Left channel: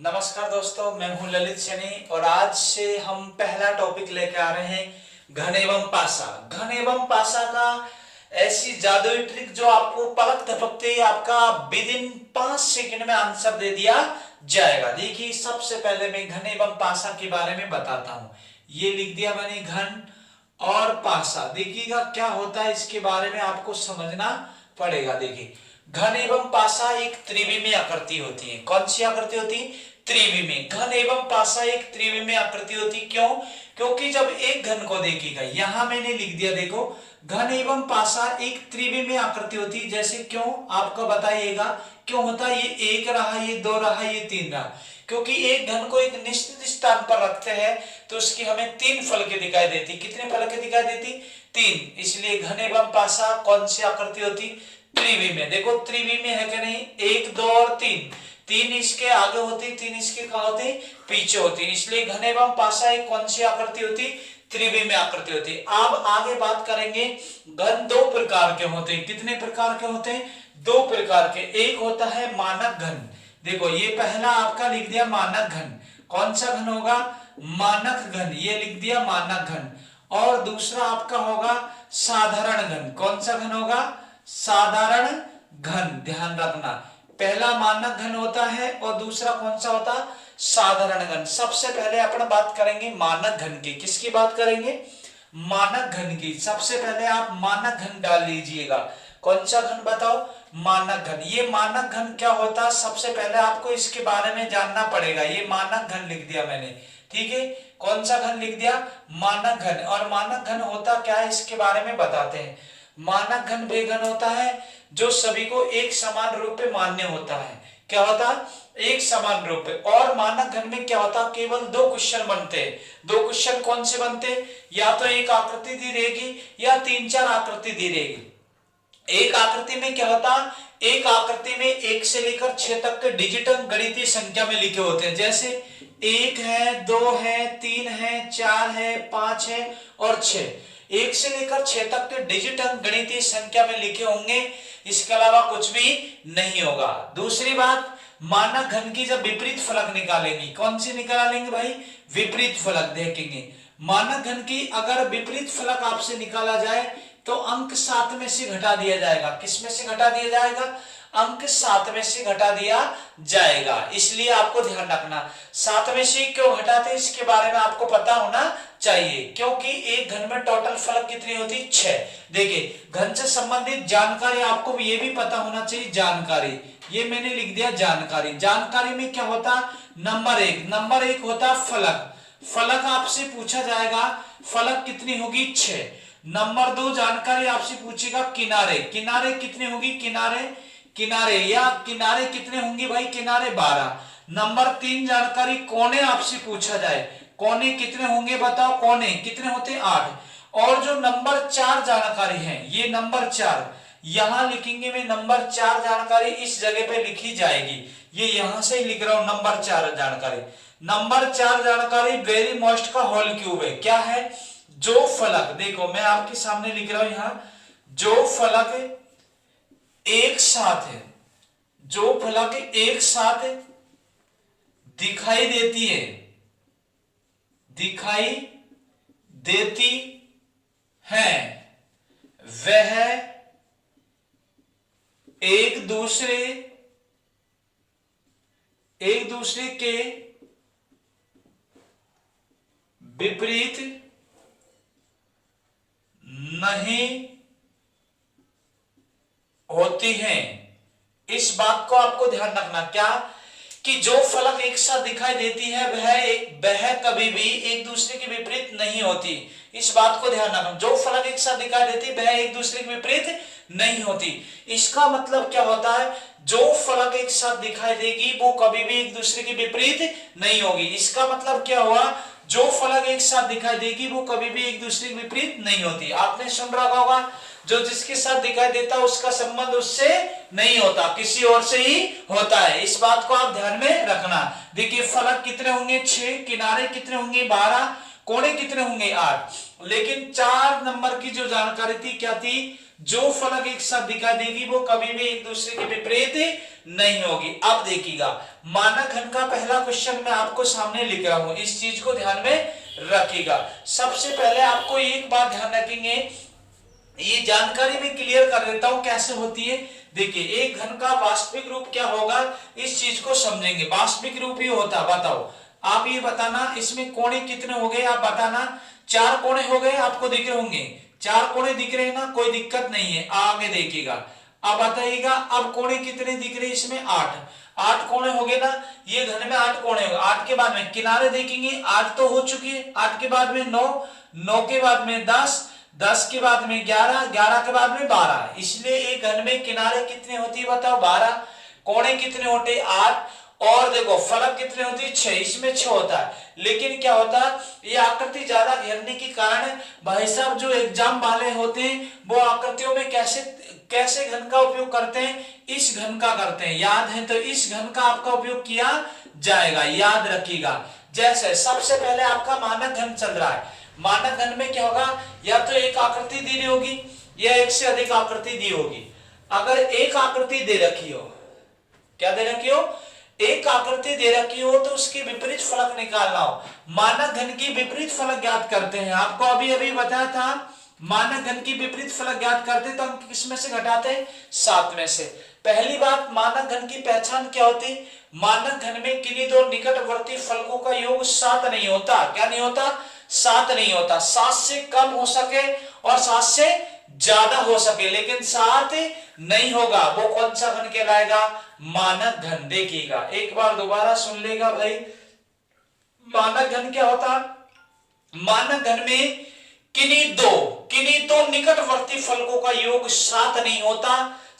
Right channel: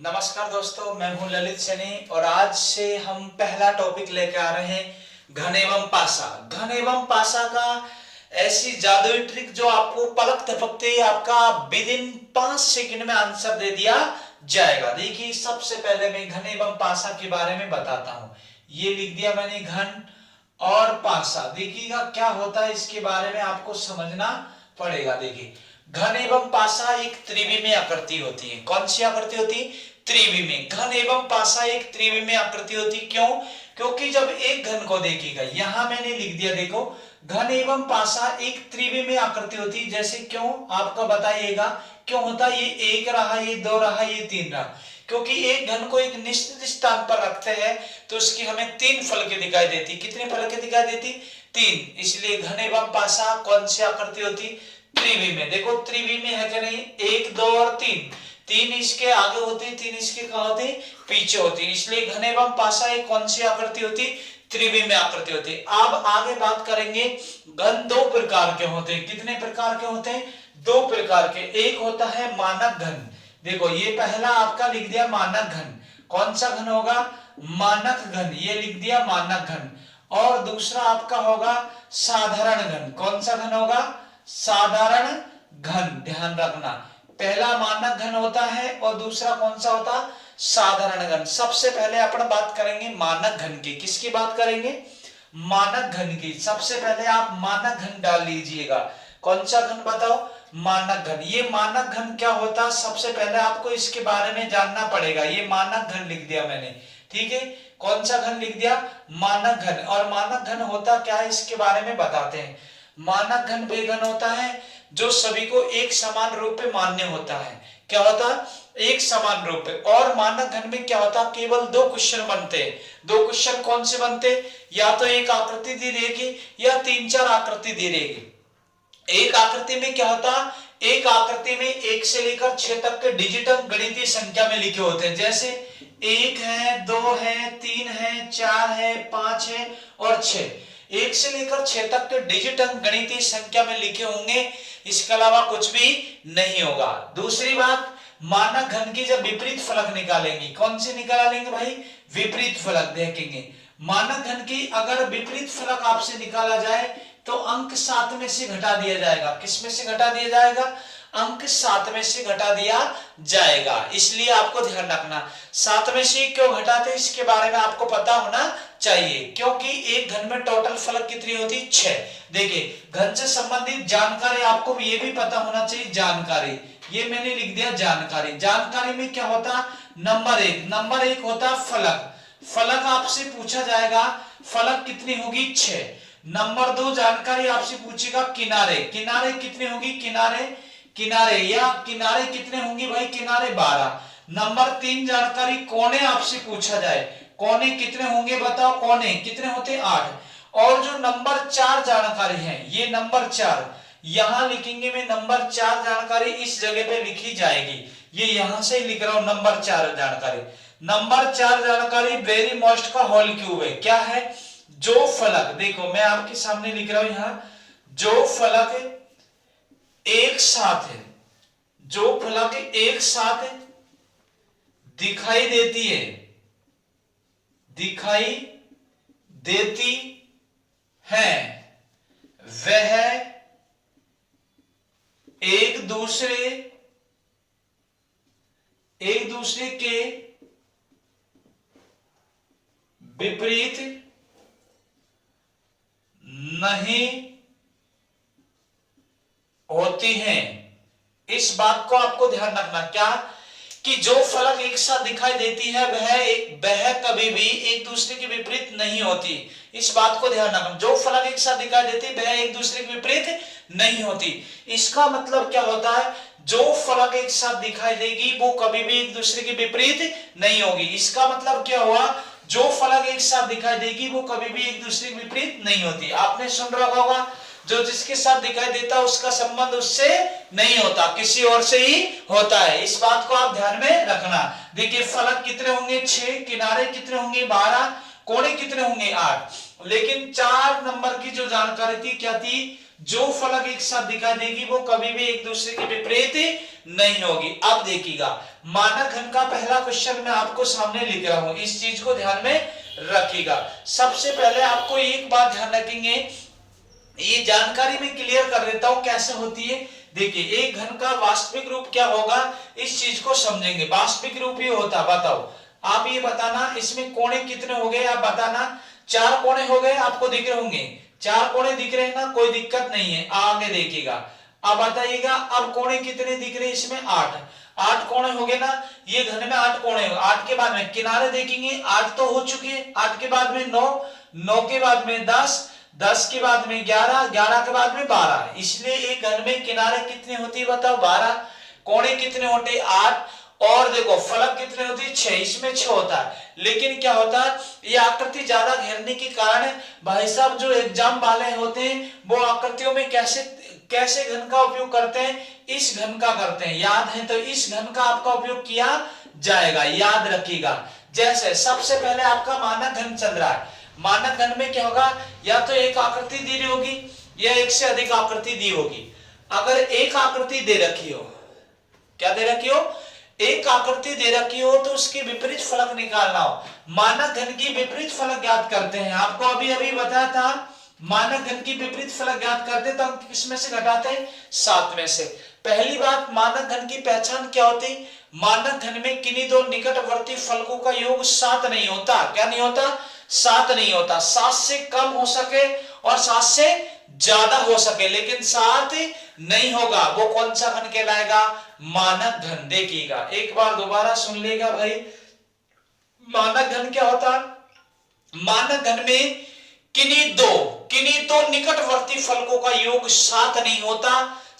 नमस्कार दोस्तों, मैं हूं ललित सैनी और आज से हम पहला टॉपिक लेके आ रहे हैं घन एवं पासा। घन एवं पासा का ऐसी जादुई ट्रिक जो आपको पलक झपकते ही आपका विद इन 5 सेकंड में आंसर दे दिया जाएगा। देखिए, सबसे पहले मैं घन एवं पासा के बारे में बताता हूं। ये लिख दिया मैंने घन और पासा। देखिएगा क्या होता है, इसके बारे में आपको समझना पड़ेगा। देखिए, घन एवं पासा एक त्रिविमीय आकृति होती है। कौन सी आकृति होती है? त्रिविमीय। घन एवं पासा एक त्रिविमीय आकृति होती। क्यों? क्योंकि जब एक घन को देखिएगा, यहां मैंने लिख दिया, देखो, घन एवं पासा एक त्रिविमीय आकृति होती। जैसे क्यों आपको बताइएगा क्यों होता है? ये एक रहा, ये दो रहा, ये तीन रहा। क्योंकि एक घन को एक निश्चित स्थान पर रखते हैं तो उसकी हमें तीन फलकें दिखाई देती। कितने फलकें दिखाई देती? तीन। इसलिए घन एवं पासा कौन सी आकृति होती? त्रिविमीय। देखो त्रिविमीय है क्या? नहीं, एक दो और तीन। तीन इसके आगे होती, तीन इसके कहां होती? पीछे होती। इसलिए घन एवं पासा एक कौन सी आकृति होती? त्रिविमीय आकृति होती। अब आगे बात करेंगे, घन दो प्रकार के होते हैं। कितने प्रकार के होते हैं? दो प्रकार के। एक होता है मानक घन। देखो, ये पहला आपका लिख दिया मानक घन। कौन सा घन होगा? मानक घन। ये लिख दिया मानक घन। और दूसरा आपका होगा साधारण घन। कौन सा घन होगा? साधारण घन। ध्यान रखना, पहला मानक घन होता है और दूसरा कौन सा होता? साधारण घन। सबसे पहले अपन बात करेंगे मानक घन की। किसकी बात करेंगे? मानक घन की। सबसे पहले आप मानक घन डाल लीजिएगा। कौन सा घन बताओ? मानक घन। ये मानक घन क्या होता है? सबसे पहले आपको इसके बारे में जानना पड़ेगा। ये मानक घन लिख दिया मैंने, ठीक है। कौन सा घन लिख दिया? मानक घन। और मानक घन होता क्या है, इसके बारे में बताते हैं। मानक घन वे घन होता है जो सभी को एक समान रूप में मान्य होता है। क्या होता? एक समान रूप में। और मानक घन में क्या होता? केवल दो क्वेश्चन बनते हैं। दो क्वेश्चन कौन से बनते? या तो एक आकृति दी रहेगी या तीन चार आकृति दी रहेगी। एक आकृति में क्या होता? एक आकृति में 1 से लेकर 6 तक के डिजिट गणितीय संख्या में लिखे होते हैं। जैसे 1 है, 2 है, 3 है, 4 है, 5 है और 6। 1 से लेकर 6 तक के डिजिट गणितीय संख्या में लिखे होंगे, इसके अलावा कुछ भी नहीं होगा। दूसरी बात, मानक घन की जब विपरीत फलक निकालेंगे, कौन सी निकालेंगे भाई? विपरीत फलक। देखेंगे मानक घन की अगर विपरीत फलक आपसे निकाला जाए तो अंक 7 में से घटा दिया जाएगा। किस में से घटा दिया जाएगा? अंक 7 में से घटा दिया जाएगा। इसलिए आपको ध्यान रखना, 7 में से क्यों घटाते इसके बारे में आपको पता होना चाहिए। क्योंकि एक घन में टोटल फलक कितनी होती? 6। देखिए, घन से संबंधित जानकारी आपको ये भी पता होना चाहिए। जानकारी, ये मैंने लिख दिया जानकारी। जानकारी में क्या होता? नंबर एक होता फलक। फलक आपसे पूछा जाएगा, फलक कितनी होगी? 6। नंबर 2 जानकारी आपसे पूछेगा किनारे। किनारे कितने होगी? किनारे या किनारे कितने होंगे भाई? किनारे 12। नंबर 3 जानकारी कोने आपसे पूछा जाए। कोने कितने होंगे बताओ? कोने कितने होते? 8। और जो नंबर 4 जानकारी है, ये नंबर 4 यहां लिखेंगे। मैं नंबर 4 जानकारी इस जगह पे लिखी जाएगी। ये यहां से लिख रहा हूं, नंबर 4 जानकारी। नंबर 4 जानकारी वेरी मोस्ट का होल क्यूब है। क्या है? जो फलक, देखो मैं आपके सामने लिख रहा हूं यहां, जो फलक एक साथ है, जो फलक एक साथ दिखाई देती है, दिखाई देती है, वह एक दूसरे के विपरीत नहीं होती हैं। इस बात को आपको ध्यान रखना, क्या? कि जो फलक एक साथ दिखाई देती है वह कभी भी एक दूसरे के विपरीत नहीं होती। इस बात को ध्यान रखना, जो फलक एक साथ दिखाई देती है वह एक दूसरे के विपरीत नहीं होती। इसका मतलब क्या होता है? जो फलक एक साथ दिखाई देगी वो कभी भी एक दूसरे के विपरीत नहीं होगी। इसका मतलब क्या हुआ? जो फलक एक साथ दिखाई देगी वो कभी भी एक दूसरे के विपरीत नहीं होती। आपने सुन रखा होगा, जो जिसके साथ दिखाई देता है उसका संबंध उससे नहीं होता, किसी और से ही होता है। इस बात को आप ध्यान में रखना। देखिए, फलक कितने होंगे? 6। किनारे कितने होंगे? 12। कोने कितने होंगे? 8। लेकिन 4 नंबर की जो जानकारी थी क्या थी? जो फलक एक साथ दिखाई देगी वो कभी भी एक दूसरे के विपरीत नहीं होगी। अब देखिएगा, मानक घन का पहला क्वेश्चन मैं आपको सामने लिख रहा हूं, इस चीज को ध्यान में रखिएगा। सबसे पहले आपको एक बात ध्यान रखेंगे, ये जानकारी मैं क्लियर कर देता हूं कैसे होती है। देखिए, एक घन का वास्तविक रूप क्या होगा, इस चीज को समझेंगे। वास्तविक रूप ही होता, बताओ आप ये बताना, इसमें कोणे कितने हो गए आप बताना। 4 कोणे हो गए, आपको दिख रहे होंगे, 4 कोणे दिख रहे हैं ना, कोई दिक्कत नहीं है। आगे देखिएगा, अब बताइएगा अब कोणे कितने दिख रहे हैं इसमें, 8 कोणे हो गए ना, ये घन में 8 कोणे हो। 8 के बाद में किनारे देखेंगे, 8 तो हो चुकी है, 8 के बाद में 9 के बाद में 10 के बाद में 11 के बाद में 12। इसलिए एक घन में किनारे कितने होती है बताओ, 12। कोणे कितने होते, 8। और देखो फलक कितने होती है, 6। इसमें 6 होता है। लेकिन क्या होता है, ये आकृति ज्यादा घेरने के कारण भाई साहब जो एग्जाम वाले होते हैं वो आकृतियों में कैसे घन का उपयोग करते हैं, इस घन का करते हैं। याद है तो इस घन का आपका उपयोग किया जाएगा, याद रखिएगा। जैसे सबसे पहले आपका मानक घन चल रहा है, मानक घन में क्या होगा, या तो एक आकृति दी रही होगी या एक से अधिक आकृति दी होगी। अगर एक आकृति दे रखी हो, क्या दे रखी हो, एक आकृति दे रखी हो तो उसके विपरीत फलक निकालना हो। मानक घन की विपरीत फलक ज्ञात करते हैं, आपको अभी अभी बताया था। मानक घन की विपरीत फलक ज्ञात करते तो हम किसमें से घटाते हैं, 7 में से। पहली बात, मानक घन की पहचान क्या होती, मानक घन में किन्हीं दो निकटवर्ती फलकों का योग 7 नहीं होता। क्या नहीं होता, 7 नहीं होता। 7 से कम हो सके और 7 से ज्यादा हो सके, लेकिन 7 नहीं होगा, वो कौन सा घन कहलाएगा, मानक घन। देखिएगा एक बार दोबारा सुन लेगा भाई, मानक घन क्या होता, मानक घन में किन्हीं दो निकटवर्ती फलकों का योग 7 नहीं होता।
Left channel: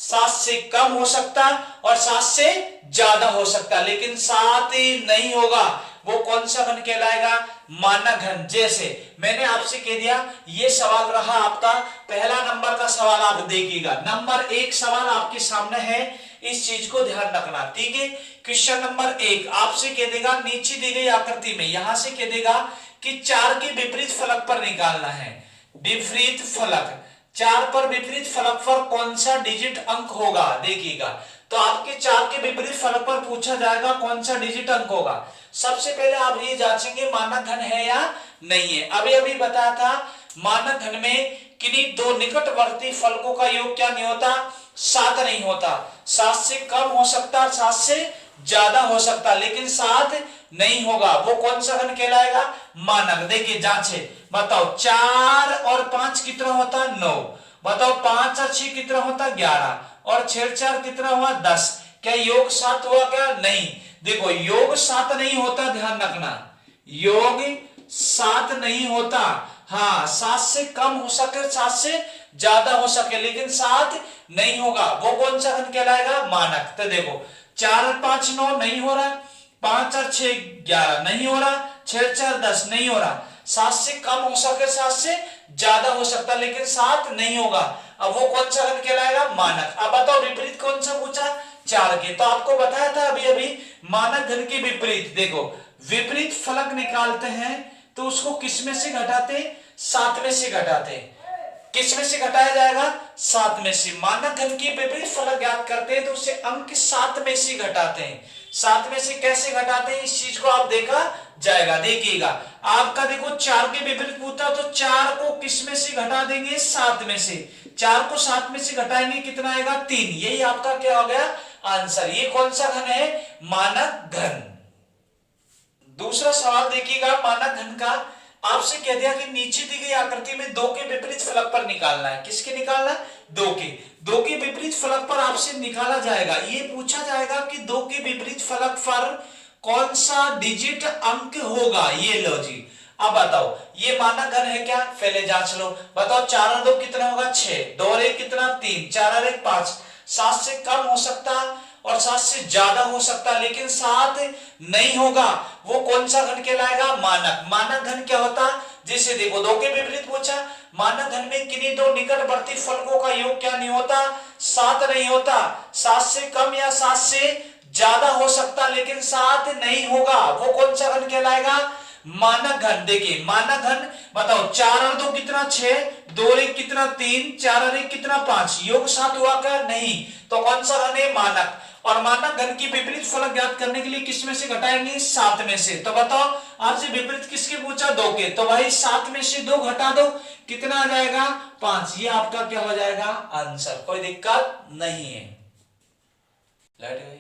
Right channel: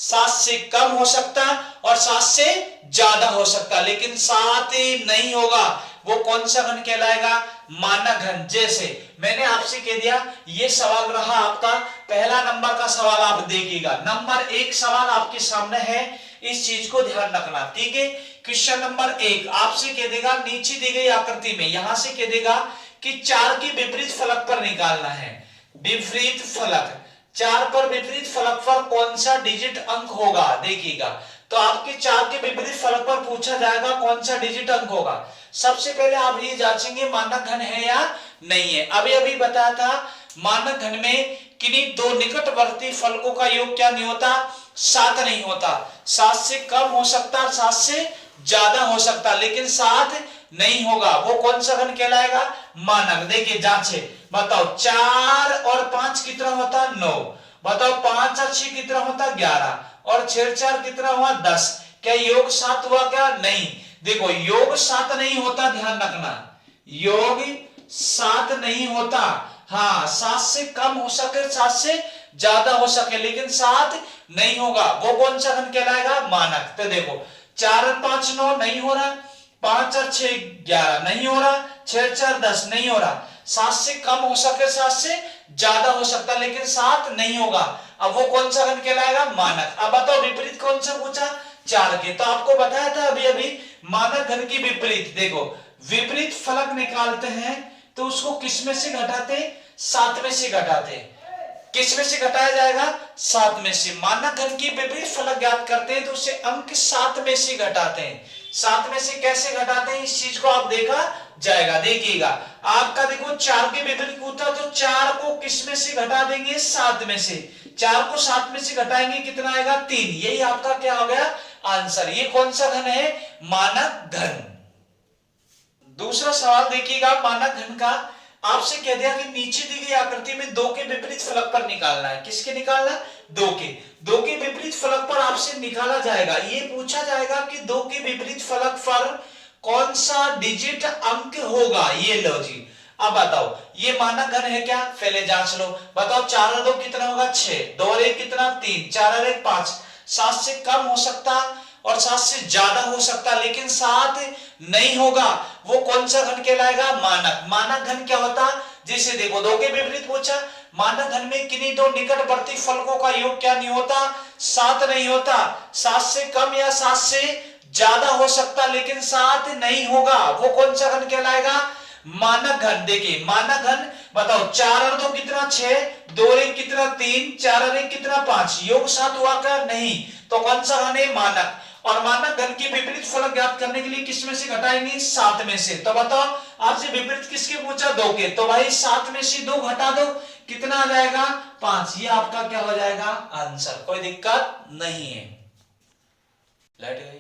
7 से कम हो सकता और 7 से ज्यादा हो सकता, लेकिन 7 नहीं होगा, वो कौन सा घन कहलाएगा, मानक घन। जैसे मैंने आपसे कह दिया, ये सवाल रहा आपका पहला नंबर का सवाल, आप देखिएगा। नंबर 1 सवाल आपके सामने है, इस चीज को ध्यान रखना, ठीक है। क्वेश्चन नंबर 1 आपसे कह देगा, नीचे दी गई आकृति में यहां से कह देगा कि 4 के विपरीत फलक पर निकालना है। विपरीत फलक, 4 पर विपरीत फलक पर कौन सा डिजिट अंक होगा, देखिएगा। तो आपके 4 के विपरीत फलक पर पूछा जाएगा कौन सा डिजिट अंक होगा। सबसे पहले आप ये जांचेंगे मानक घन है या नहीं है। अभी अभी बताया था, मानक घन में किन्हीं दो निकटवर्ती फलकों का योग क्या नहीं होता, 7 नहीं होता। 7 से कम हो सकता, 7 से ज्यादा हो सकता, लेकिन 7 नहीं होगा, वो कौन सा घन कहलाएगा, मानक। देखिए जांचे, बताओ 4 और 5 कितना होता, 9। बताओ 5 और 6 कितना होता, 11। और 6 4 कितना हुआ, 10। क्या योग 7 हुआ क्या, नहीं। देखो योग 7 नहीं होता, ध्यान रखना, योग 7 नहीं होता। हाँ, 7 से कम हो सके, 7 से ज्यादा हो सके, लेकिन 7 नहीं होगा, वो कौन सा घन कहलाएगा, मानक। तो देखो 4 और 5 9 नहीं हो रहा, 5 और 6 11 नहीं हो रहा, 6 4 10 नहीं हो रहा। 7 से कम हो सके, 7 से ज्यादा हो सकता, लेकिन 7 नहीं होगा। अब वो कौन सा घन कहलाएगा, मानक। अब बताओ विपरीत कौन सा पूछा, 4 के। तो आपको बताया था अभी अभी, मानक घन की विपरीत। देखो विपरीत फलक निकालते हैं तो उसको किस में से घटाते, 7 में से घटाते। किस में से घटाया जाएगा, 7 में से। मानक घन की विपरीत फलक ज्ञात करते हैं तो उसे अंक 7 में से घटाते हैं। 7 में से कैसे घटाते हैं, इस चीज को आप देखा जाएगा। देखिएगा आपका, देखो 4 के विपरीत पूछा तो 4 को किस में से घटा देंगे, 7 में से। 4 को 7 में से घटाएंगे कितना आएगा, 3। यही आपका क्या हो गया आंसर। ये कौन सा घन है, मानक घन। दूसरा सवाल देखिएगा, मानक घन का आपसे कह दिया कि नीचे दी गई आकृति में 2 के विपरीत फलक पर निकालना है। किसके निकालना है, 2 के विपरीत फलक पर आपसे निकाला जाएगा। ये पूछा जाएगा कि 2 के विपरीत फलक पर कौन सा डिजिट अंक होगा। ये लो जी, अब बताओ ये मानक घन है क्या, पहले जांच लो। बताओ 4 और 2 कितना होगा, 6। 2 और 1 कितना, 3। 4 और 1 5। 7 से कम हो सकता और 7 से ज्यादा हो सकता, लेकिन 7 नहीं होगा, वो कौन सा घन कहलाएगा, मानक। मानक घन क्या होता, जैसे देखो 2 के विपरीत पूछा, मानक घन में किन्हीं दो निकटवर्ती फलकों का योग क्या नहीं होता, 7 नहीं होता। 7 से कम या 7 से ज्यादा हो सकता, लेकिन 7 नहीं होगा, वो कौन सा घन कहलाएगा, मानक घन। देखिए मानक घन, बताओ 4 और 2 कितना, 6। 2 और 1 कितना, 3। 4 और 1 कितना, 5। योग 7 हुआ क्या, नहीं। तो कौन सा घन है, मानक। और मानक घन की विपरीत फलक ज्ञात करने के लिए किस में से घटाएंगे? 7 में से। तो बताओ आपसे विपरीत किसके पूछा? 2 के। तो भाई 7 में से 2 घटा दो, कितना आ जाएगा? 5। ये आपका क्या हो जाएगा? आंसर। कोई दिक्कत नहीं है। लाइट गई।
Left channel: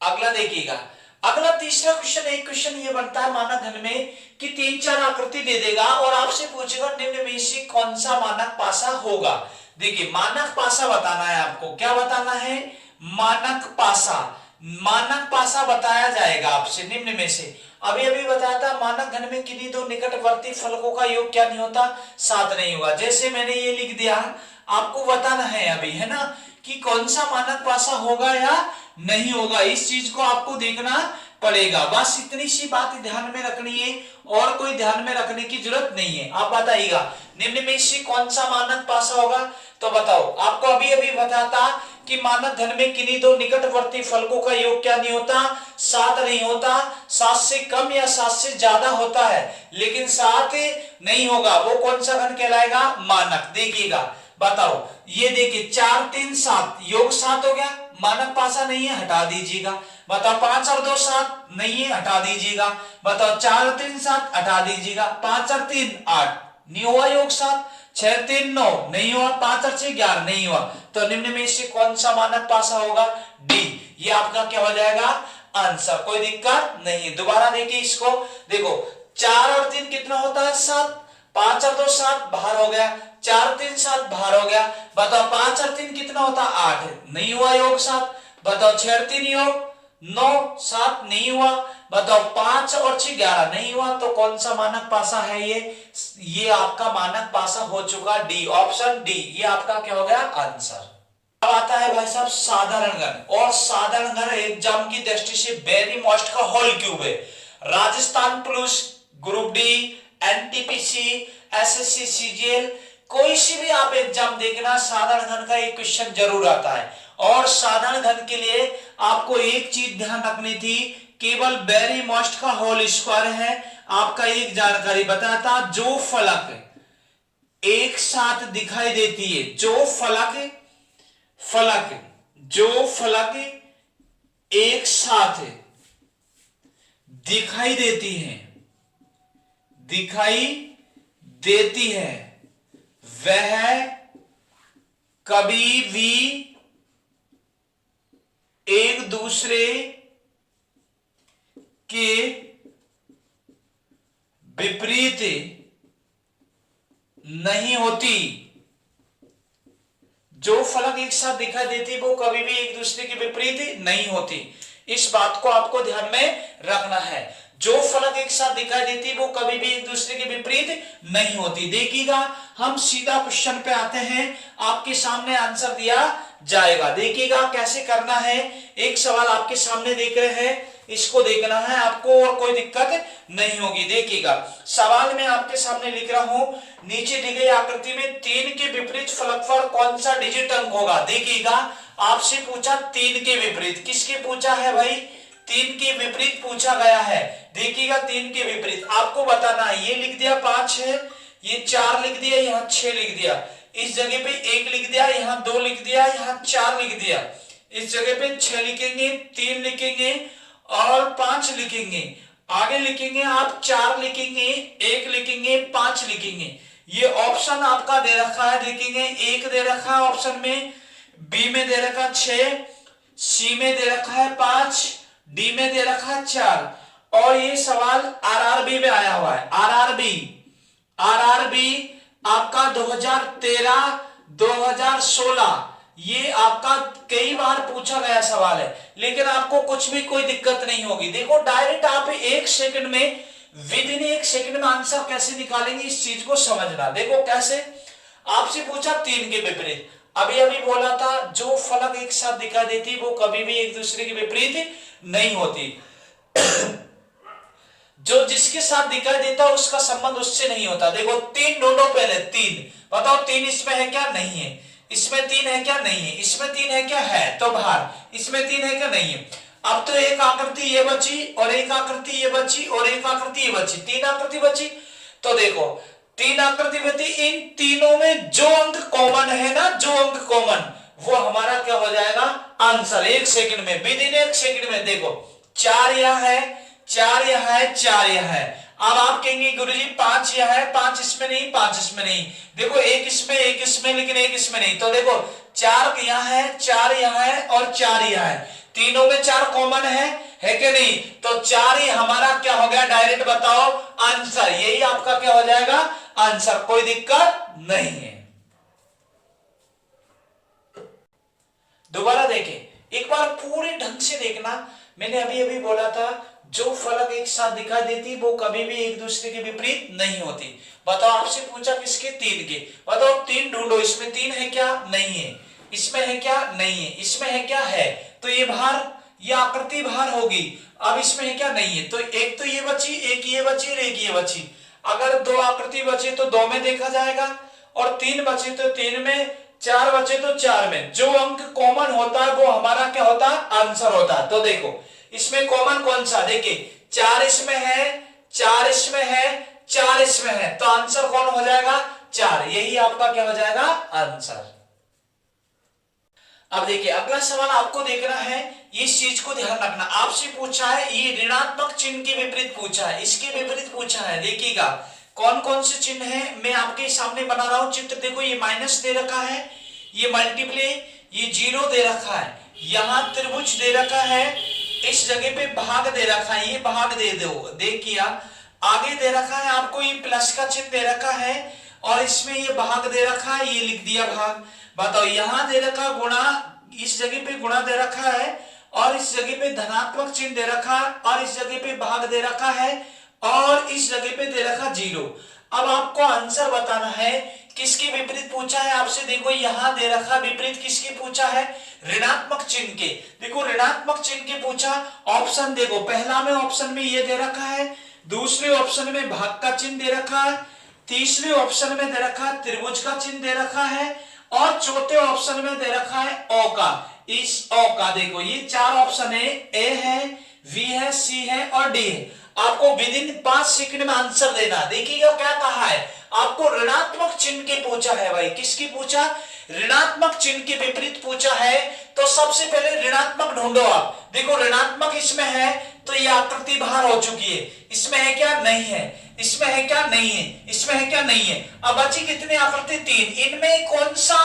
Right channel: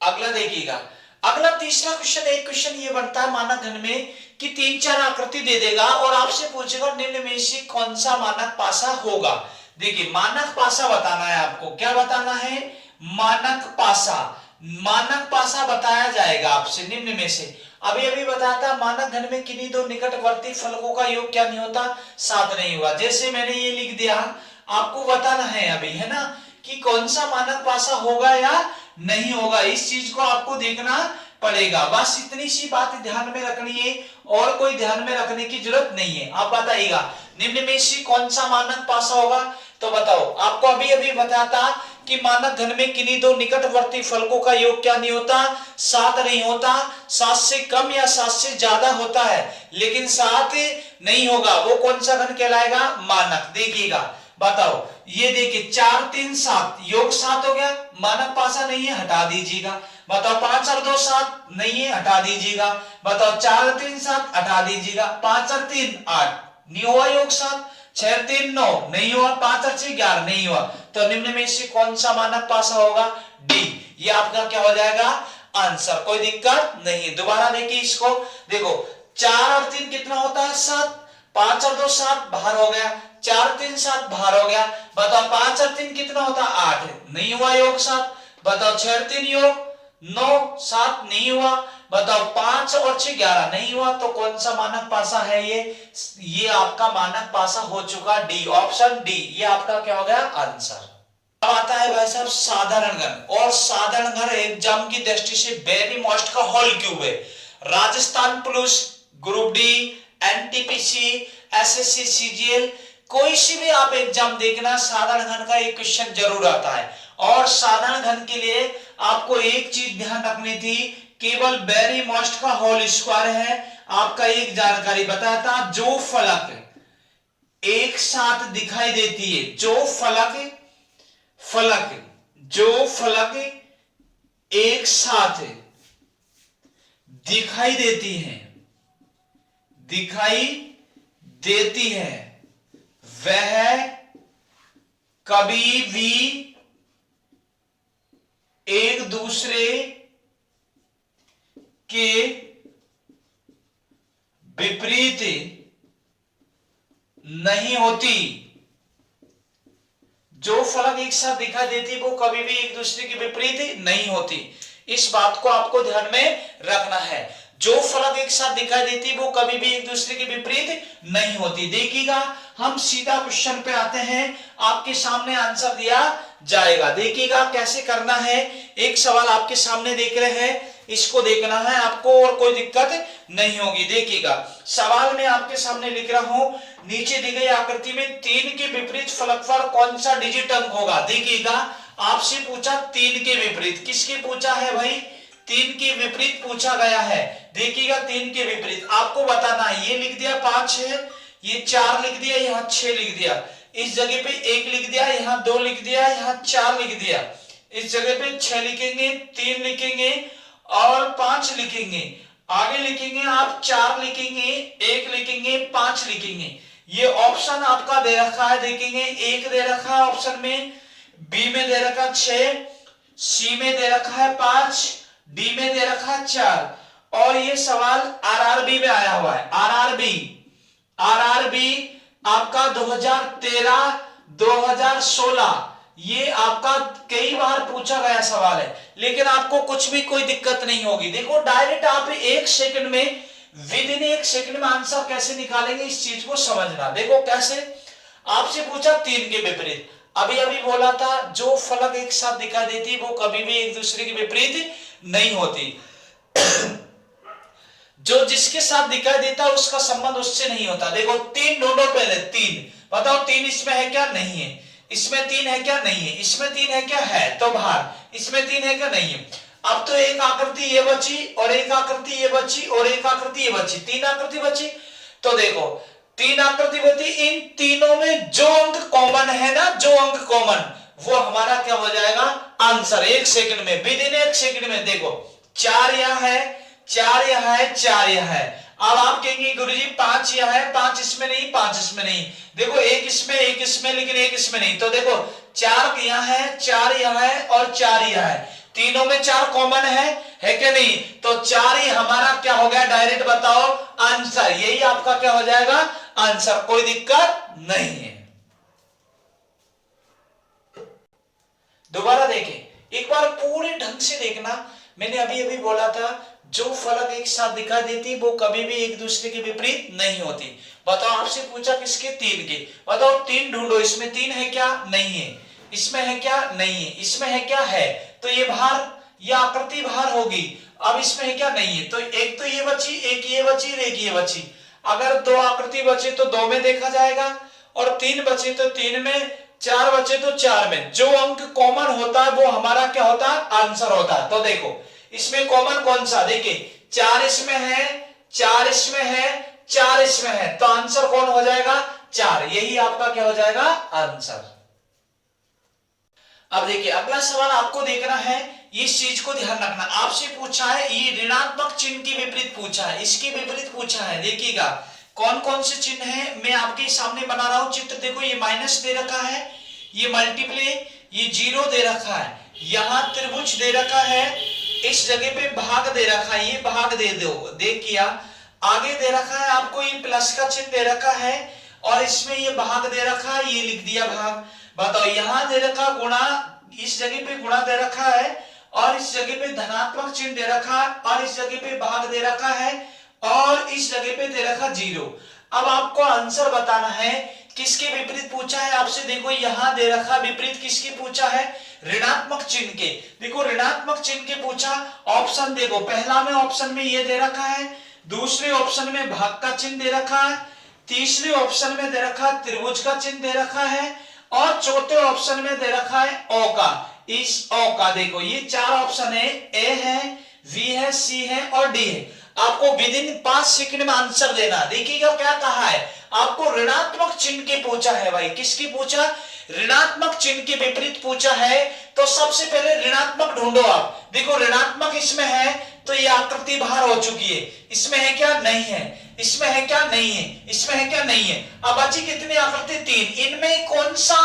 अगला देखिएगा, अगला तीसरा क्वेश्चन, एक क्वेश्चन ये बनता है मानक घन में कि 3-4 आकृति दे देगा और आपसे पूछेगा निम्न में से कौन सा मानक पासा होगा। देखिए मानक पासा बताना है आपको। क्या बताना है? मानक पासा। मानक पासा बताया जाएगा आपसे निम्न में से। अभी अभी बताया था मानक घन में किन्हीं दो निकटवर्ती फलकों का योग क्या नहीं होता? 7 नहीं हुआ। जैसे मैंने ये लिख दिया, आपको बताना है अभी, है ना, कि कौन सा मानक पासा होगा या नहीं होगा। इस चीज को आपको देखना पड़ेगा। बस इतनी सी बात ध्यान में रखनी है और कोई ध्यान में रखने की जरूरत नहीं है। आप बताइएगा निम्न में से कौन सा मानक पासा होगा। तो बताओ, आपको अभी अभी बताता कि मानक घन में किन्हीं दो निकटवर्ती फलकों का योग क्या नहीं होता? 7 नहीं होता। 7 से कम या 7 से ज्यादा होता है, लेकिन 7 नहीं होगा। वो कौन सा घन कहलाएगा? मानक। देखिएगा, बताओ, ये देखिए 4 3 7 योग 7 हो गया, मानक पासा नहीं है, हटा दीजिएगा। बताओ 5 और 2 7 नहीं है, हटा दीजिएगा। बताओ 4 3 7 हटा दीजिएगा। 5 और 3 8 नहीं हुआ योग 7। 6 3 9 नहीं हुआ। 5 और 6 11 नहीं हुआ। तो निम्न में से कौन सा मानक पासा होगा? डी। ये आपका क्या हो जाएगा? आंसर। कोई दिक्कत नहीं है। दोबारा देखिए इसको, देखो 4 और 3 कितना होता है? 7। 5 और 2 7 बाहर हो गया। 4 3 7 बाहर हो गया। बताओ 5 और 3 कितना होता? 8 नहीं हुआ योग 7। बताओ 6 और 3 योग 9 7 नहीं हुआ। बताओ 5 और 6 11 नहीं हुआ। तो कौन सा मानक पासा है ये आपका मानक पासा हो चुका डी। ऑप्शन डी ये आपका क्या हो गया? आंसर। अब आता है भाई साहब साधारण घन। और साधारण घन एग्जाम की दृष्टि से वेरी मोस्ट का होल क्यूब है। Rajasthan police, group D, NTPC, SSC, CGL, कोई सी भी आप एग्जाम देखना, साधारण घन का एक क्वेश्चन जरूर आता है। और साधारण घन के लिए आपको एक चीज ध्यान रखनी थी, केवल वेरी मोस्ट का होल स्क्वायर है। आपका एक जानकारी बताया था, जो फलक एक साथ दिखाई देती है, जो फलक एक साथ दिखाई देती है, वह कभी भी एक दूसरे के विपरीत नहीं होती। जो फलक एक साथ दिखाई देती वो कभी भी एक दूसरे के विपरीत नहीं होती। इस बात को आपको ध्यान में रखना है। जो फलक एक साथ दिखाई देती वो कभी भी एक दूसरे के विपरीत नहीं होती। देखिएगा, हम सीधा क्वेश्चन पे आते हैं। आपके सामने आंसर दिया जाएगा। देखिएगा कैसे करना है। एक सवाल आपके सामने देख रहे हैं, इसको देखना है आपको और कोई दिक्कत नहीं होगी। देखिएगा, सवाल में आपके सामने लिख रहा हूं, नीचे दी गई आकृति में 3 के विपरीत फलक पर कौन सा डिजिट अंक होगा। देखिएगा, आपसे पूछा 3 के विपरीत, किसके पूछा है भाई? 3 के विपरीत पूछा गया है। देखिएगा 3 के विपरीत आपको बताना है। ये लिख दिया 5 है, ये 4 लिख दिया, यहाँ 6 लिख दिया, इस जगह पे 1 लिख दिया, यहाँ 2 लिख दिया, यहाँ 4 लिख दिया, इस जगह पे 6 लिखेंगे, 3 लिखेंगे और 5 लिखेंगे। आगे लिखेंगे आप 4 लिखेंगे, 1 लिखेंगे, 5 लिखेंगे। ये ऑप्शन आपका दे रखा है। देखेंगे 1 दे रखा है ऑप्शन में, बी में दे रखा 6, सी में दे रखा है 5, डी में दे रखा है 4। और ये सवाल आरआरबी में आया हुआ है। आरआरबी आपका 2013 2016 ये आपका कई बार पूछा गया सवाल है, लेकिन आपको कुछ भी कोई दिक्कत नहीं होगी। देखो डायरेक्ट आप 1 सेकंड में, विद इन 1 सेकंड में आंसर कैसे निकालेंगे, इस चीज को समझना। देखो कैसे, आपसे पूछा 3 के विपरीत, अभी अभी बोला था जो फलक एक साथ दिखाई देती वो कभी भी एक दूसरे के विपरीत नहीं होती। जो जिसके साथ दिखाई देता उसका संबंध उससे नहीं होता। देखो 3 ढूंढो पहले, 3 बताओ 3 इसमें है क्या? नहीं है। इसमें 3 है क्या? नहीं है। इसमें 3 है क्या? है, तो बाहर। इसमें 3 है क्या? नहीं है। अब तो एक आकृति ये बची और एक आकृति ये बची और एक आकृति ये बची, 3 आकृति बची। तो देखो 3 आकृति बची, इन तीनों में जो अंक कॉमन है ना, जो अंक कॉमन वो हमारा क्या हो जाएगा आंसर। 1 सेकंड में, विद इन 1 सेकंड में। देखो 4 यह है, 4 यह है, 4 यह है। अब आप कहेंगे गुरुजी 5 यह है, 5 इसमें नहीं, 5 इसमें नहीं। देखो 1 इसमें, 1 इसमें, लेकिन 1 इसमें नहीं। तो देखो 4 यह है, 4 यह है और 4 यह है। तीनों में 4 कॉमन है कि नहीं? तो 4 ही हमारा क्या हो गया, डायरेक्ट बताओ आंसर। यही आपका क्या हो जाएगा आंसर, कोई दिक्कत नहीं है। दोबारा देखें, एक बार पूरे ढंग से देखना। मैंने अभी अभी बोला था जो फलक एक साथ दिखाई देती वो कभी भी एक दूसरे के विपरीत नहीं होती। बताओ, आपसे पूछा किसके, 3 के। बताओ 3 ढूंढो, इसमें 3 है क्या, नहीं है। इसमें है क्या, नहीं है। इसमें है क्या, है। तो ये भार, ये आकृति भार होगी। अब इसमें है क्या, नहीं है। तो एक तो ये बची, एक ये बची, एक ये बची। अगर 2 आकृति बचे तो 2 में देखा जाएगा, और 3 बचे तो 3 में, 4 बचे तो 4 में। जो अंक कॉमन होता है वो हमारा क्या होता है, आंसर होता है। तो देखो इसमें कॉमन कौन सा, देखिए 4 इसमें है, 4 इसमें है, 4 इसमें है। तो आंसर कौन हो जाएगा, 4। यही आपका क्या हो जाएगा आंसर। अब देखिए अगला सवाल आपको देखना है, इस चीज को ध्यान रखना। आपसे पूछा है, ये ऋणात्मक चिन्ह के विपरीत पूछा है, इसके विपरीत पूछा है। देखिएगा कौन कौन से चिन्ह है, मैं आपके सामने बना रहा हूं चित्र। देखो ये माइनस दे रखा है, ये मल्टीप्ले, ये 0 दे रखा है, यहां त्रिभुज दे रखा है, इस जगह पे भाग दे रखा है, ये भाग दे दो, देखिए आगे दे रखा है आपको ये प्लस का चिन्ह दे रखा है, और इसमें ये भाग दे रखा है, ये लिख दिया भाग। बताओ यहां दे रखा गुणा, इस जगह पे गुणा दे रखा है, और इस जगह पे धनात्मक चिन्ह दे रखा है, और इस जगह पे भाग दे रखा है, और इस जगह पे दे रखा 0। अब आपको आंसर बताना है किसके विपरीत पूछा है आपसे। देखो यहां दे रखा विपरीत किसके पूछा है, ऋणात्मक चिन्ह के। देखो ऋणात्मक चिन्ह के पूछा। ऑप्शन देखो, पहला में ऑप्शन में ये दे रखा है, दूसरे ऑप्शन में भाग का चिन्ह दे रखा है, तीसरे ऑप्शन में दे रखा त्रिभुज का चिन्ह दे रखा है, और चौथे ऑप्शन में दे रखा है ओ का। इस ओ का देखो ये 4 ऑप्शन है, ए है, वी है, सी है और डी है। आपको विद इन 5 सेकंड में आंसर देना। देखिएगा क्या कहा है, आपको ऋणात्मक चिन्ह के पूछा है भाई। किसकी पूछा, ऋणात्मक चिन्ह के विपरीत पूछा है। तो सबसे पहले ऋणात्मक ढूंढो आप। देखो ऋणात्मक इसमें है तो ये आकृति बाहर हो चुकी है। इसमें है क्या, नहीं है। इसमें है क्या, नहीं है। इसमें है क्या, नहीं है। अब बची कितनी आकृति, 3। इनमें कौन सा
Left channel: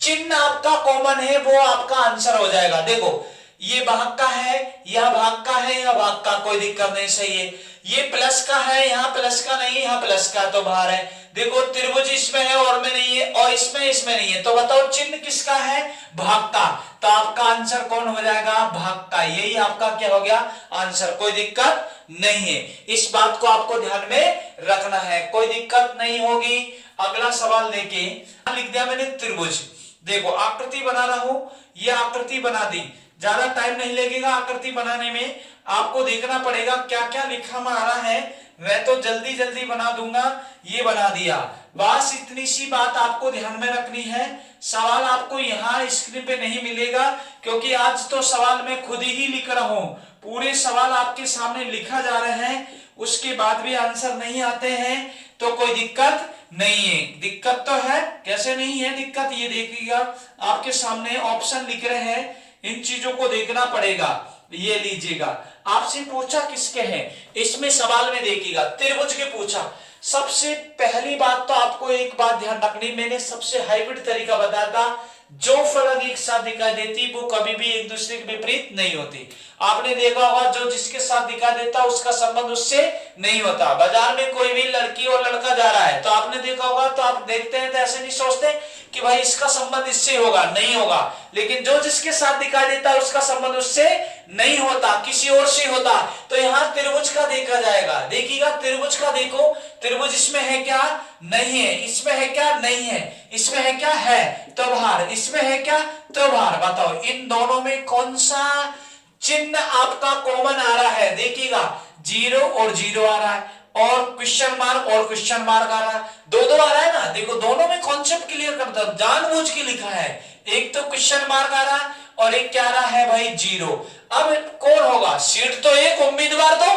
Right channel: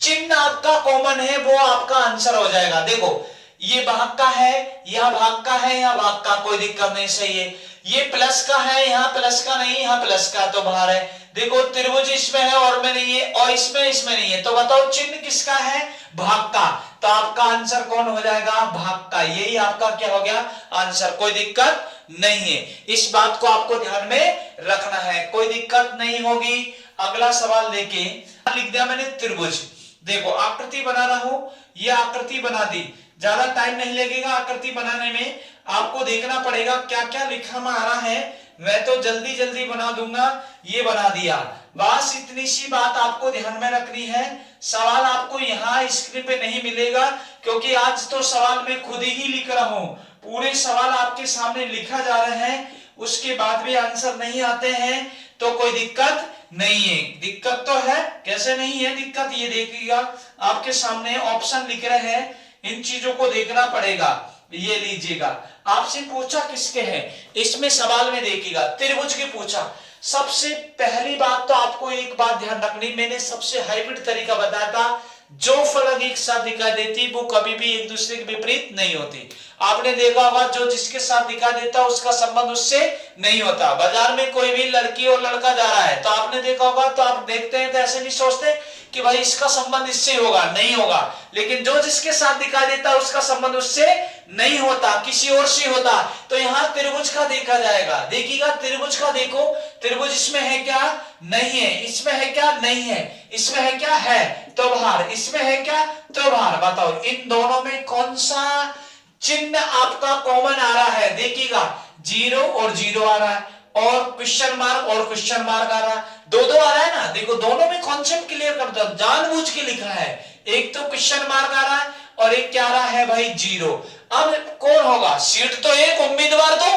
चिन्ह आपका कॉमन है वो आपका आंसर हो जाएगा। देखो ये भाग का है, यह भाग का है, यह भाग का, कोई दिक्कत नहीं, सही है। ये प्लस का है, यहाँ प्लस का नहीं, यहाँ प्लस का, तो बाहर है। देखो त्रिभुज इसमें है और में नहीं है, और इसमें नहीं है। तो बताओ चिन्ह किसका है, भाग का। तो आपका आंसर कौन हो जाएगा, भाग का। यही आपका क्या हो गया आंसर, कोई दिक्कत नहीं है। इस बात को आपको ध्यान में रखना है, कोई दिक्कत नहीं होगी। अगला सवाल देखिए, लिख दिया मैंने त्रिभुज। देखो आकृति बना रहा हूं, ये आकृति बना दी, ज्यादा टाइम नहीं लगेगा आकृति बनाने में। आपको देखना पड़ेगा क्या क्या लिखा आ रहा है, मैं तो जल्दी जल्दी बना दूंगा। ये बना दिया, बस इतनी सी बात आपको ध्यान में रखनी है। सवाल आपको यहाँ स्क्रीन पे नहीं मिलेगा, क्योंकि आज तो सवाल मैं खुद ही लिख रहा हूं। पूरे सवाल आपके सामने लिखा जा रहे हैं, उसके बाद भी आंसर नहीं आते हैं तो कोई दिक्कत नहीं है। दिक्कत तो है, कैसे नहीं है दिक्कत, ये देखिएगा आपके सामने ऑप्शन लिख रहे हैं, इन चीजों को देखना पड़ेगा। ये लीजिएगा, आपसे पूछा किसके हैं, इसमें सवाल में देखिएगा त्रिभुज के पूछा। सबसे पहली बात तो आपको एक बात ध्यान रखनी, मैंने सबसे हाइब्रिड तरीका बताया था। जो फलक एक साथ दिखाई देती वो कभी भी एक दूसरे के विपरीत नहीं होती। आपने देखा होगा जो जिसके साथ दिखाई देता उसका संबंध उससे नहीं होता। बाजार में कोई भी लड़की और लड़का जा रहा है तो आपने देखा होगा, तो आप देखते हैं तो ऐसे नहीं सोचते कि भाई इसका संबंध इससे होगा, नहीं होगा। लेकिन जो जिसके साथ दिखाई देता है उसका संबंध उससे नहीं होता, किसी और से होता। तो यहाँ त्रिभुज का देखा जाएगा, देखिएगा त्रिभुज का। देखो त्रिभुज इसमें है क्या, नहीं है। इसमें है क्या, नहीं है। इसमें है क्या, है, तो बाहर। इसमें है क्या, तो बाहर। बताओ इन दोनों में कौन सा चिन्ह आपका कॉमन आ रहा है। देखिएगा 0 और 0 आ रहा है, और क्वेश्चन मार्क और क्वेश्चन मार्क आ रहा है, दो आ रहा है ना। देखो दोनों में कॉन्सेप्ट क्लियर करता हूं, जानबूझ के लिखा है। एक तो क्वेश्चन मार्क आ रहा है और एक क्या आ रहा है भाई, 0। अब कौन होगा, सीट तो एक, उम्मीदवार दो।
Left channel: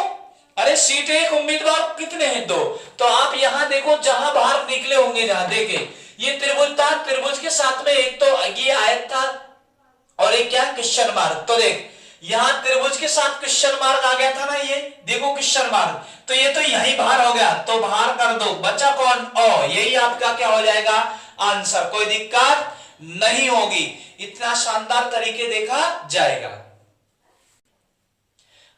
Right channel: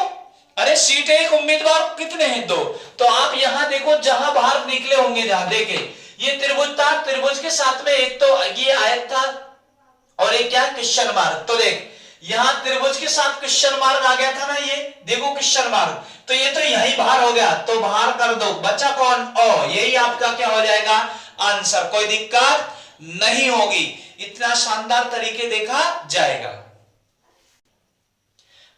अरे सीट एक, उम्मीदवार कितने हैं, 2। तो आप यहां देखो जहां बाहर निकले होंगे, जहां देखे ये त्रिभुज था, त्रिभुज के साथ में एक तो ये आयत था और एक क्या क्वेश्चन मार्क। तो देख यहां त्रिभुज के साथ क्वेश्चन मार्क आ गया था ना, ये देखो क्वेश्चन मार्क, तो ये तो यही बाहर हो गया, तो बाहर कर दो, बचा कौन ओ, यही आपका क्या हो जाएगा आंसर, कोई दिक्कत नहीं होगी, इतना शानदार तरीके देखा जाएगा।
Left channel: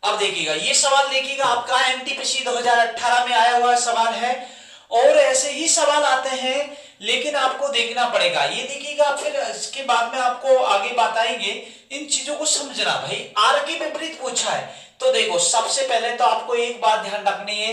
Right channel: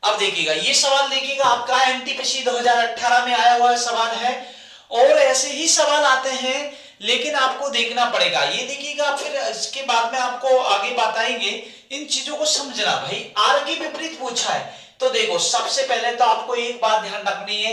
अब देखिएगा ये सवाल, देखिएगा आपका एनटीपीसी 2018 में आया हुआ सवाल है और ऐसे ही सवाल आते हैं, लेकिन आपको देखना पड़ेगा। ये देखिएगा, फिर इसके बाद में आपको आगे बताएंगे, इन चीजों को समझना। भाई आर की विपरीत पूछा है, तो देखो सबसे पहले तो आपको एक बात ध्यान रखनी है,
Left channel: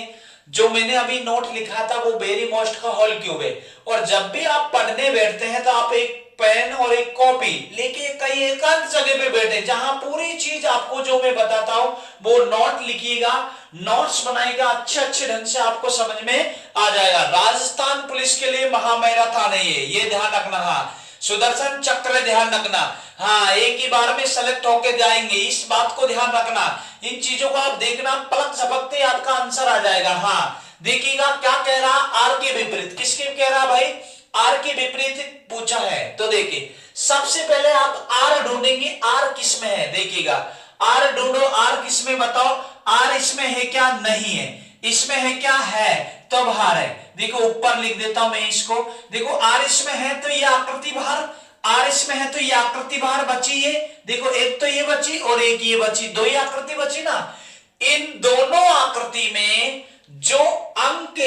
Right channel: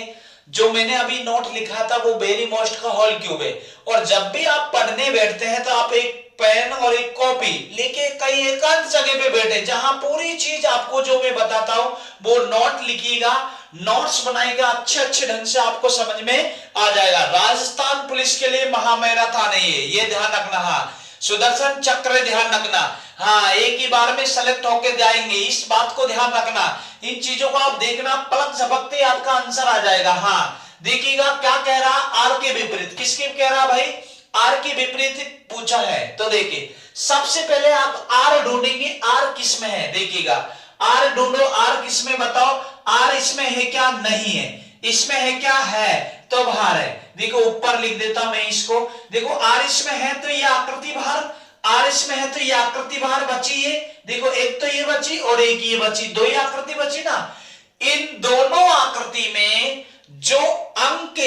जो मैंने अभी नोट लिखा था वो वेरी मोस्ट का होल क्यूब है, और जब भी आप पढ़ने बैठते हैं तो आप एक पेन और एक कॉपी लेके कहीं एकांत जगह पे बैठे, जहां पूरी चीज आपको जो मैं बताता हूं वो नोट लिखिएगा, नोट्स बनाएगा, अच्छे अच्छे ढंग से आपको समझ में आ जाएगा। राजस्थान पुलिस के लिए महामैराथन है ये ध्यान रखना। हाँ, सुदर्शन चक्र ध्यान रखना, हाँ एक ही बार में सेलेक्ट होके जाएंगे, इस बात को ध्यान रखना। इन चीजों को आप देखना, पलक झपकते आपका आंसर आ जाएगा। हाँ देखिएगा क्या कह रहा, आर के विपरीत, किसके कह रहा भाई, आर के विपरीत पूछा है। तो देखिए सबसे पहले आप आर ढूंढेंगे, आर किस में है, देखिएगा आर ढूंढो, आर किस में बताओ, आर इसमें है क्या, नहीं है, इसमें है क्या, है, तो बाहर है। देखो ऊपर लिख देता हूं मैं इसको, देखो आर इसमें है तो ये आकृति बाहर, आर इसमें है तो ये आकृति बाहर बची, ये देखो एक तो ये बची और एक ये बची, दो ही आकृति बची ना। इन दोनों आकृति में जो अंक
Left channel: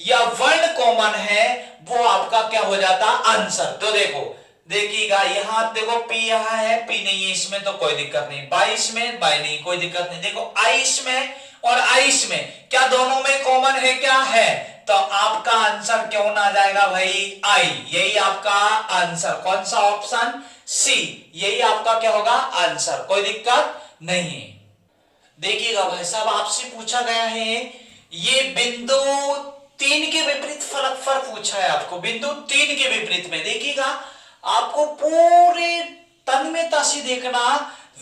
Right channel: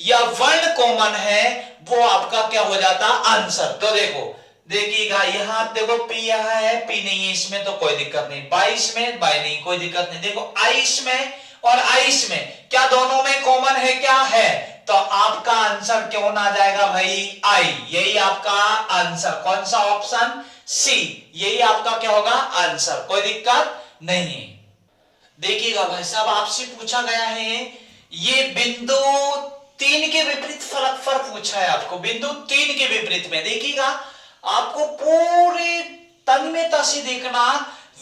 या वर्ण कॉमन है वो आपका क्या हो जाता आंसर। तो देखो देखिएगा यहां देखो पी यहां है, पी नहीं है इसमें तो कोई दिक्कत नहीं, 22 में बाई नहीं कोई दिक्कत नहीं, देखो आई इसमें और आई इसमें, क्या दोनों में कॉमन है, क्या है, तो आपका आंसर क्यों ना आ जाएगा भाई आई, यही आपका आंसर, कौन सा ऑप्शन सी, यही आपका क्या होगा आंसर, कोई दिक्कत नहीं। देखिएगा भाई साहब आपसे पूछा गया है ये बिंदु 3 के विपरीत फलकफल पूछा है आपको, बिंदु 3 के विपरीत में देखिएगा आपको पूरे तन्मयता से देखना,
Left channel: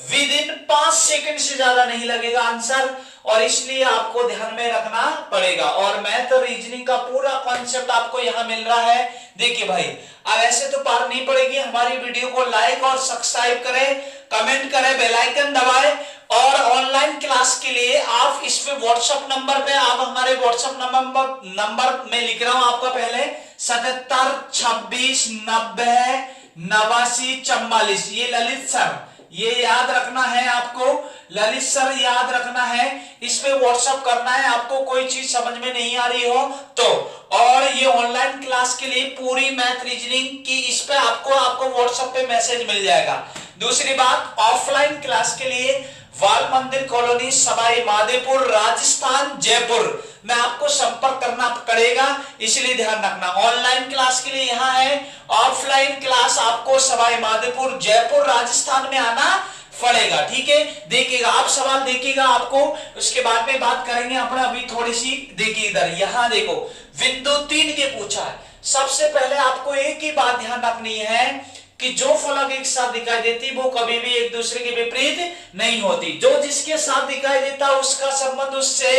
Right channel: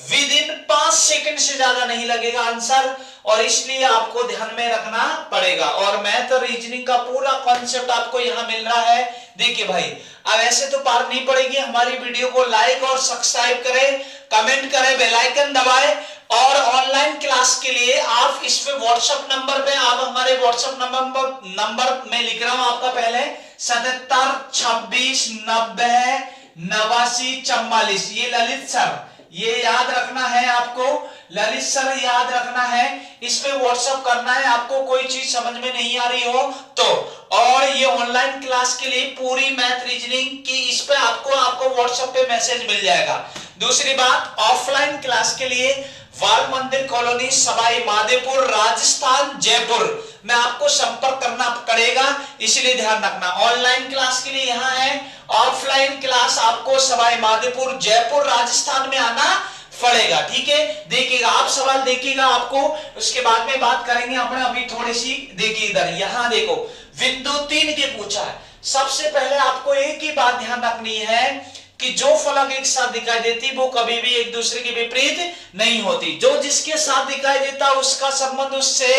विद इन 5 सेकंड से ज्यादा नहीं लगेगा आंसर, और इसलिए आपको ध्यान में रखना पड़ेगा। और मैथ और रीजनिंग का पूरा कॉन्सेप्ट आपको यहां मिल रहा है। देखिए भाई अब ऐसे तो पार नहीं पड़ेगी, हमारी वीडियो को लाइक और सब्सक्राइब करें, कमेंट करें, बेल आइकन दबाएं, और ऑनलाइन क्लास के लिए आप इसमें व्हाट्सएप नंबर पे, आप हमारे व्हाट्सएप नंबर में लिख रहा हूं आपका पहले 77 26 90 89 44, ये ललित सर, ये याद रखना है आपको, ललित सर याद रखना है, इस पे व्हाट्सएप करना है आपको, कोई चीज समझ में नहीं आ रही हो तो। और ये ऑनलाइन क्लास के लिए पूरी मैथ रीजनिंग की इस पे आपको व्हाट्सएप पे मैसेज मिल जाएगा। दूसरी बात ऑफलाइन क्लास के लिए बाल मंदिर कॉलोनी सवाई माधोपुर राजस्थान जयपुर में आपको संपर्क करना पड़ेगा, इसलिए ध्यान रखना। ऑनलाइन क्लास के लिए यहां है, ऑफलाइन क्लास आपको सवाई माधोपुर जयपुर राजस्थान में आना पड़ेगा, ठीक है। देखिएगा आप सवाल देखिएगा आपको, उसके बाद में बात करेंगे अपने, अभी थोड़ी सी देखिए इधर, यहां देखो बिंदु 3 के पूछा है। सबसे पहले आपको एक ही बात ध्यान रखनी है कि जो फलक एक साथ दिखाई देती वो कभी भी एक दूसरे के विपरीत नहीं होती, जो जिसके साथ दिखाई देता उसका संबंध उससे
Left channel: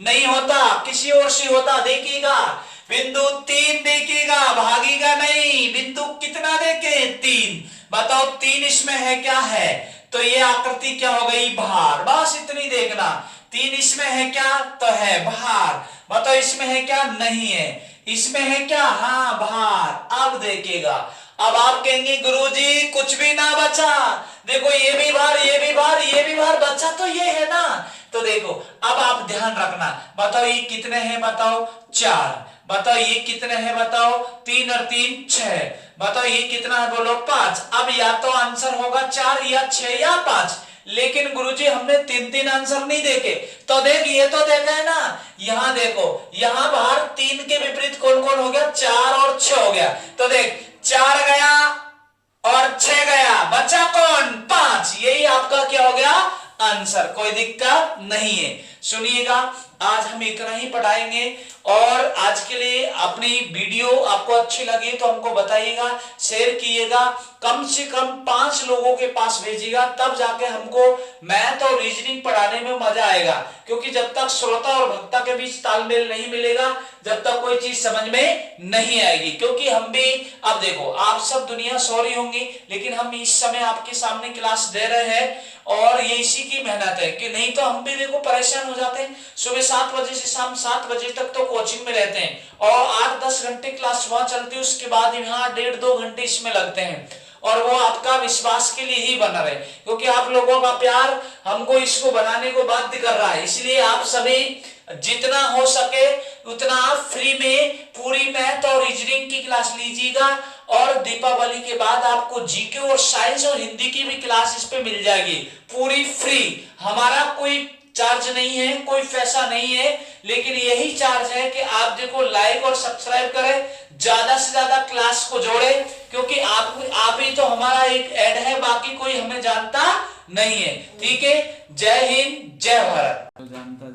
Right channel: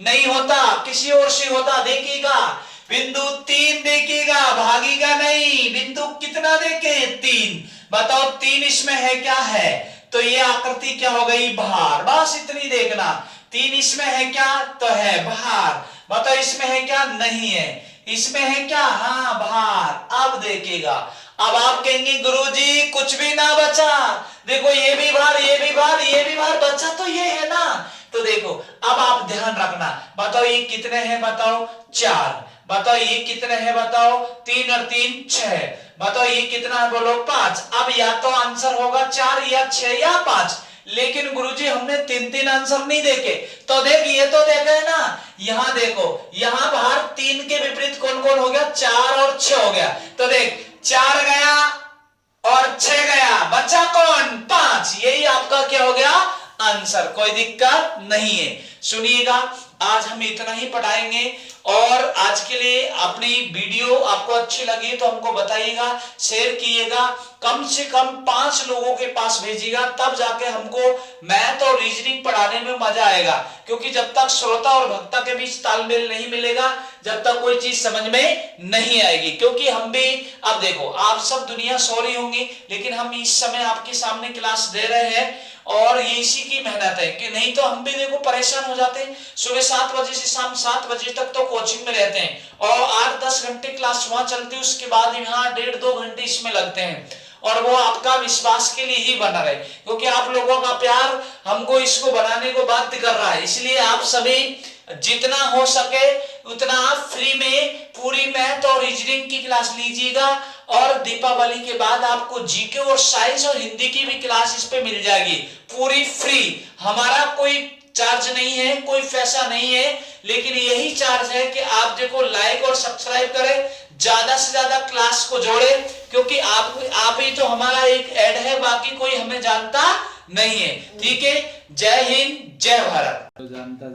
नहीं होता, किसी और से होता। देखिएगा बिंदु 3 देखिएगा, भागेगा नहीं, बिंदु कितना देखे 3, बताओ 3 इसमें है क्या है, तो ये आकृति क्या हो गई बाहर, बस इतनी देखना। 3 इसमें है क्या, तो है बाहर, बताओ इसमें है क्या, नहीं है, इसमें है क्या, हाँ बाहर। अब देखिएगा अब आप कहेंगे गुरुजी कुछ भी ना बचा, देखो ये भी बाहर, ये भी बाहर, ये भी बाहर, बचा तो ये है ना। तो देखो अब आप ध्यान रखना, बताओ ये कितने हैं, बताओ 4, बताओ ये कितने हैं, बताओ 3 और 3 6, बताओ ये कितना है, बोलो 5। अब या तो आंसर होगा 4 या 6 या 5, लेकिन गुरुजी हमने 3 आंसर नहीं देखे, तो देख ये तो देखे है ना, यहां देखो यहां बाहर 3 के विपरीत कौन कौन हो गया, 4 और 6 हो गया, तो देख 4 गया और 6 गया, बचा कौन 5, यही आपका क्या हो गया आंसर, कोई दिक्कत नहीं है। सुनिएगा, आज हम इतना ही पढ़ाएंगे और आज के लिए अपनी वीडियो आपको अच्छी लगी तो हमको बताइएगा, शेयर कीजिएगा, कम से कम 5 लोगों के पास भेजिएगा, तब जाके हमको मैथ और रीजनिंग पढ़ाने में मजा आएगा। क्योंकि जब तक श्रोता और वक्ता के बीच तालमेल नहीं मिलेगा, जब तक कोई चीज समझ में नहीं आएगी। क्योंकि हम भी, अब देखो, आप सब दुनिया सो रही होंगी, लेकिन हम इस समय आपके सामने क्लास दे रहे हैं और ये इसी की मेहनत है कि नहीं तो हम भी देखो परेशान हो जाते हैं। सुबह 7 बजे से शाम 7 बजे तक तो कोचिंग में रहते हैं और 8-10 घंटे क्लास वहां चलती है, उसके बाद यहाँ 1.5-2 घंटे इसमें लगते हैं और वो आपका विश्वास के लिए ही बना रहे, क्योंकि आप लोगों का प्यार हमको इसको बनाने को बाध्य कर रहा है। इसलिए आप सभी जितना हो सके उतना आप फ्री में पूरी मैथ और रीजनिंग की क्लास लीजिएगा और दीपावली के बाद आपको जीके और साइंस और हिंदी की भी क्लास इस पे मिल जाएगी, पूरी फ्री। हमारा कोई चार्ज नहीं है, कोई पैसा नहीं है, लेकिन यही चार्ज है कि आप देखो लाइक और सब्सक्राइब करें, ज्यादा से ज्यादा क्लास को जोड़े, क्योंकि आप ही तो हमारा एक ऐड है, बाकी कोई हमें जानता नहीं है। ठीक है, जय हिंद, जय भारत। जानता